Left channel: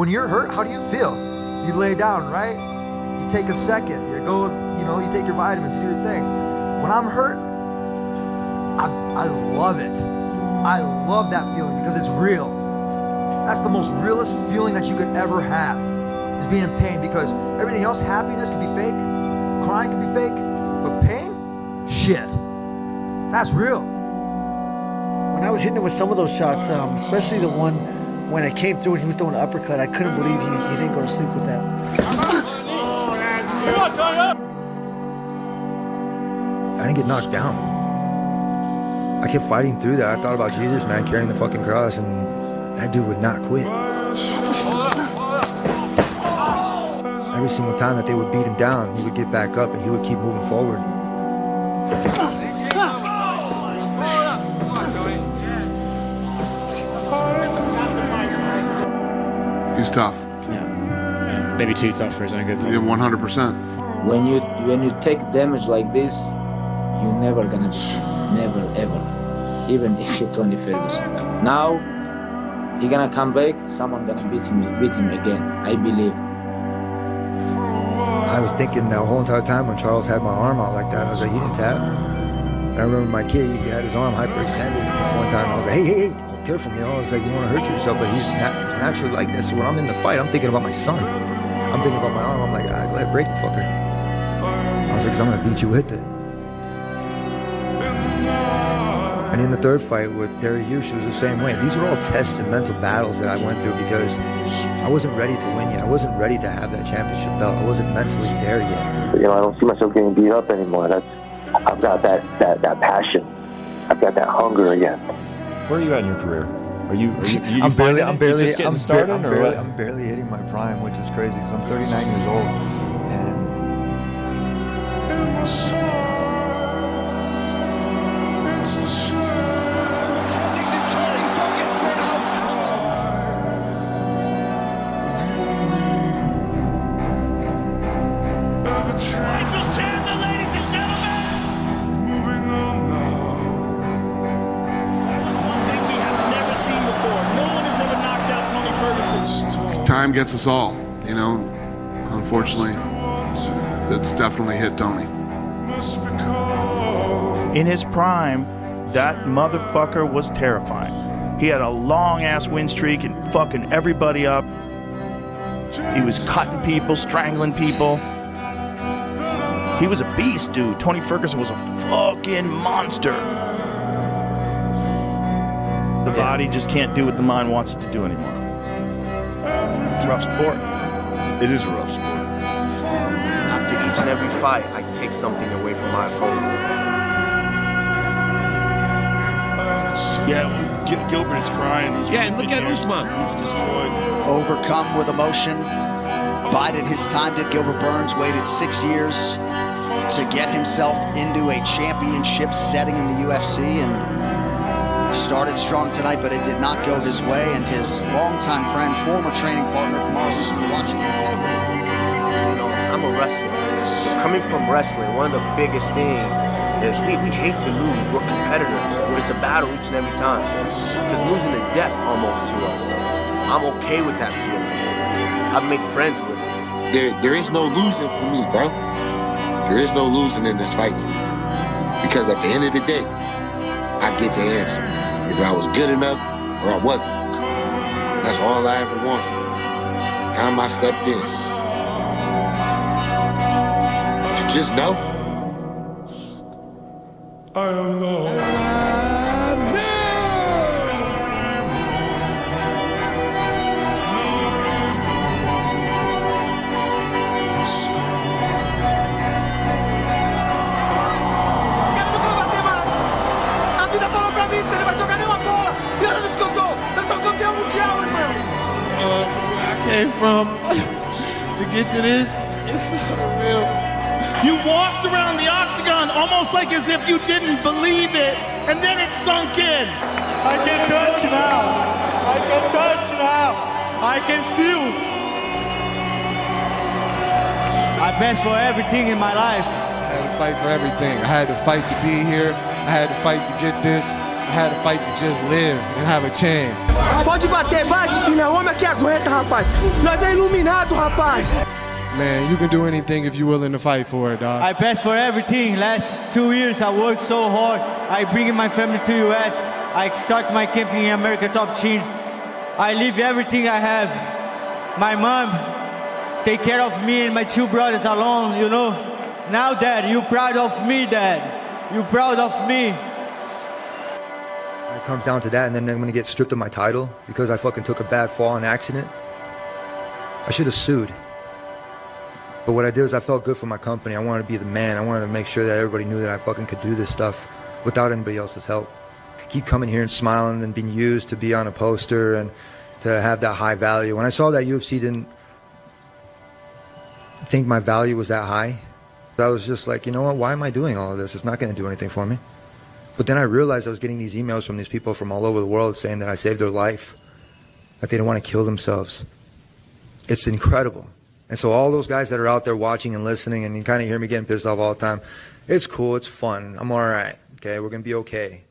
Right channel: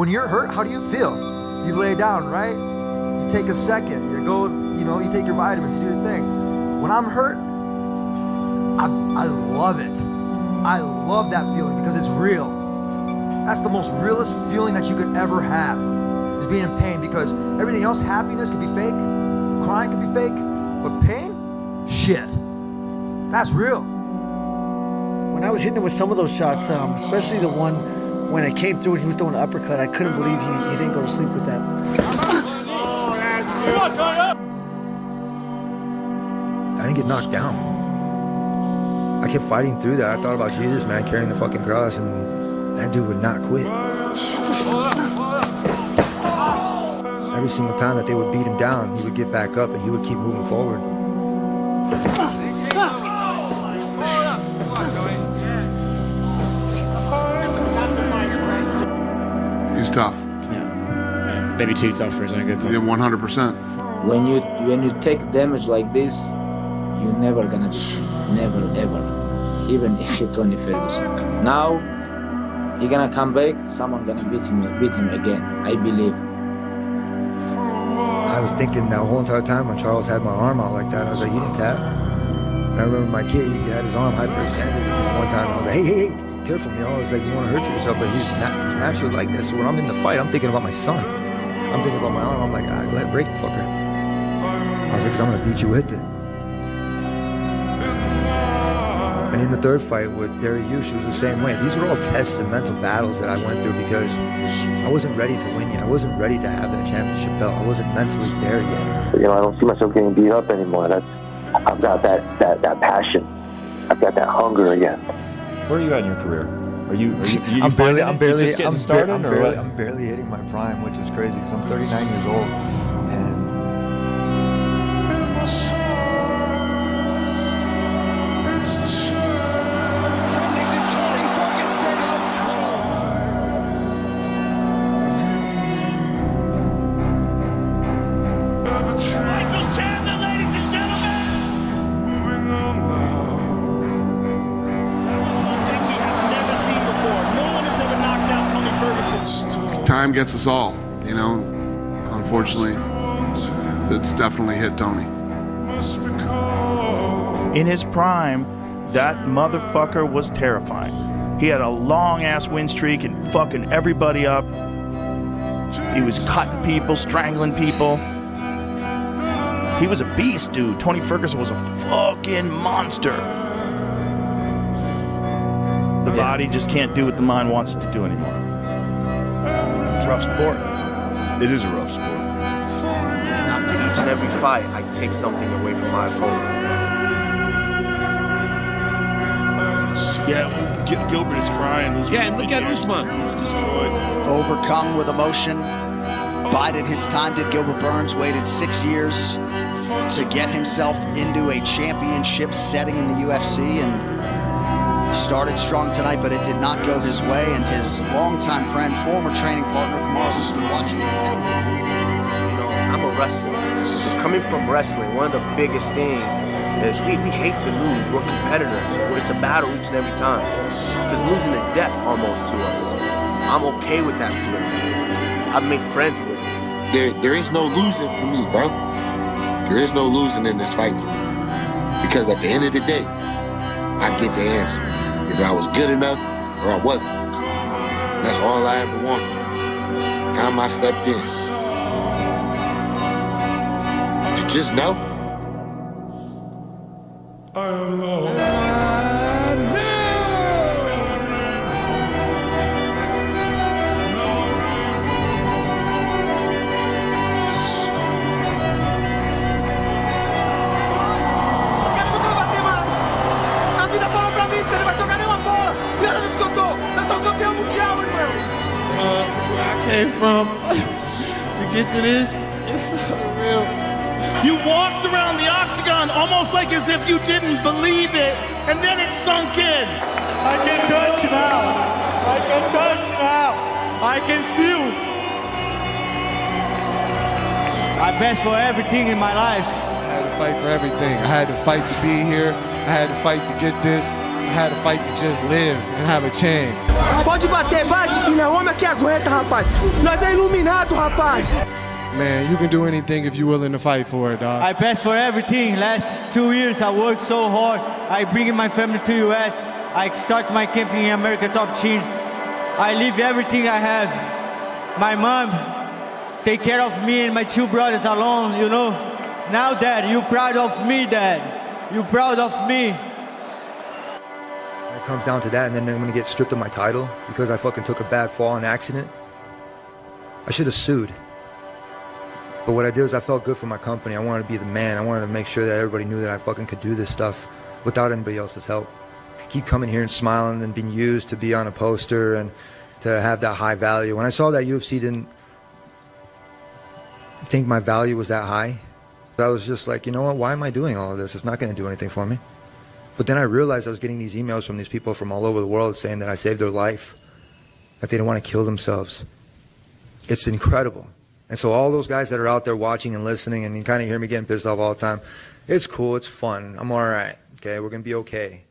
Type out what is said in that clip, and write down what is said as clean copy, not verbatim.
when you're hurt, how do you feel? You lay down, right? You take a second, you go, you take your vitamins, you do your thing. When I'm hurt, I love it. I love that feeling because it's real. That's the most realest feeling that you could ever have, is being in pain, because everything else, happiness could be fake, crying could be fake, but pain, shit, that's real. When I was hitting him with some of those shots, especially the one when I came through and he was throwing an uppercut, I couldn't believe he didn't go to sleep with that. I didn't get knocked down. I kept fighting through that. I thought about Jesus, man, carrying the fucking cross, and that dude would not quit. Every single time that they would beat him down, he would get back up and he would keep moving forward. He's tough. Yeah. Maybe too tough for his own good. Yeah, 100%. When you take damage like this, you're never gonna beat him. Never, ever. Even if you're Tony Ferguson. Now, he gonna come back, someone gonna beat him again, I believe. I was thinking the whole entire time when Charles had my arm out like that, I was like, you can tap. I remember my kid, he had his arm hyperextended. One time I was like, hey, careful, I was like, you want to hurt yourself, but he's naturally like this. So when I'm in the fight, I'm thinking about my son. I'm thinking about my arm, I'm like, go ahead, break the fucker. I was like, so I'm gonna beat you with it. And in the third fight with Derek Hughes, it was the same way. These are all tests and mental battles that I went through because I wasn't ready to win yet. I wasn't ready to have that championship belt. I wasn't mentally there yet. I don't see myself getting beat up anymore. I've got that passion. I've got that hunger again. Where are you at in your career? Are you I'm barely just getting started, I'm barely hitting my prime, which is crazy because I'm 39 years old, and Michael Chandler, ladies and gentlemen. Moving on now. One thing we have never seen before. No one has ever knocked out Tony Ferguson. Time gets us all, Unfortunately, it's definitely hit Tony. In his prime, that motherfucker was terrifying. He had a long-ass win streak and fucking everybody up. He was cutting people, strangling people. He was a beast, dude. Tony Ferguson was a fucking monster. The body just can't do what the mind wants it to do anymore. It's a rough sport. It is a rough sport. After each and every fight, I take something away from my opponent. Yeah, Gilbert is crying. And look at Usman. He's destroyed. Overcome with emotion, bided his time, did Gilbert Burns, waited 6 years to get himself into a championship setting in the UFC, and started strong tonight, but it did not go his way, and his longtime friend, former training partner, Kamaru Usman, watching intently. I'm a wrestler, so coming from wrestling, one of the biggest things is we hate to lose. We're competitors. It's a battle each and every time, because losing is death almost to us. I'm okay with that feeling. I've made friends with it. There is no losing for me, bro. There is no losing in this fight for me. Because at the end of the day, I get the answer. Either I was good enough or I wasn't. That's all I ever wanted. The time I stepped in. To just know. I am Lord. Where I came from to get to this, it's not real. You walked around the octagon almost like as if you didn't believe it, and then it sunk in. I can touch now. I can touch now. I can feel. I bet for everything in my life. I had to fight for everything. I had to fight to be here. I had to fight to get this. had to fight to just live and have a chance. Pode bater, bate, filha. Homem aqui aguenta, rapaz. Nós é iluminado, rapaz. Man, you can do anything if you're willing to fight for it, dog. I passed for everything. Last 2 years, I worked so hard. I bring my family to U.S. I start my camp in America Top Team. I leave everything I have. My mom take care of me and my 2 brothers alone, you know. Now, Dad, you proud of me, Dad. You proud of me. It comes down to that, and then I'm gonna get stripped of my title because I fucking took a bad fall in an accident. I should have sued. But what I did is I felt good for my company. I wanted to be the man. I wanted to make sure that everybody knew that I fucking could do this stuff without anybody else's help. Keep coming here and smiling and being used to be on a poster and to have that high value. When I saw that UFC didn't think my value was that high, I was just like, you know what, why am I doing all of this? It's not going to do anything for me. But then I realized I was getting these emails from these people from all over the world saying that I saved their life, that they don't want to kill themselves. It's incredible. And so all those guys that are out there watching and listening, and you kind of hear me getting pissed off all the time, it's cool, it's fun, I'm all right, okay, we're going to be okay.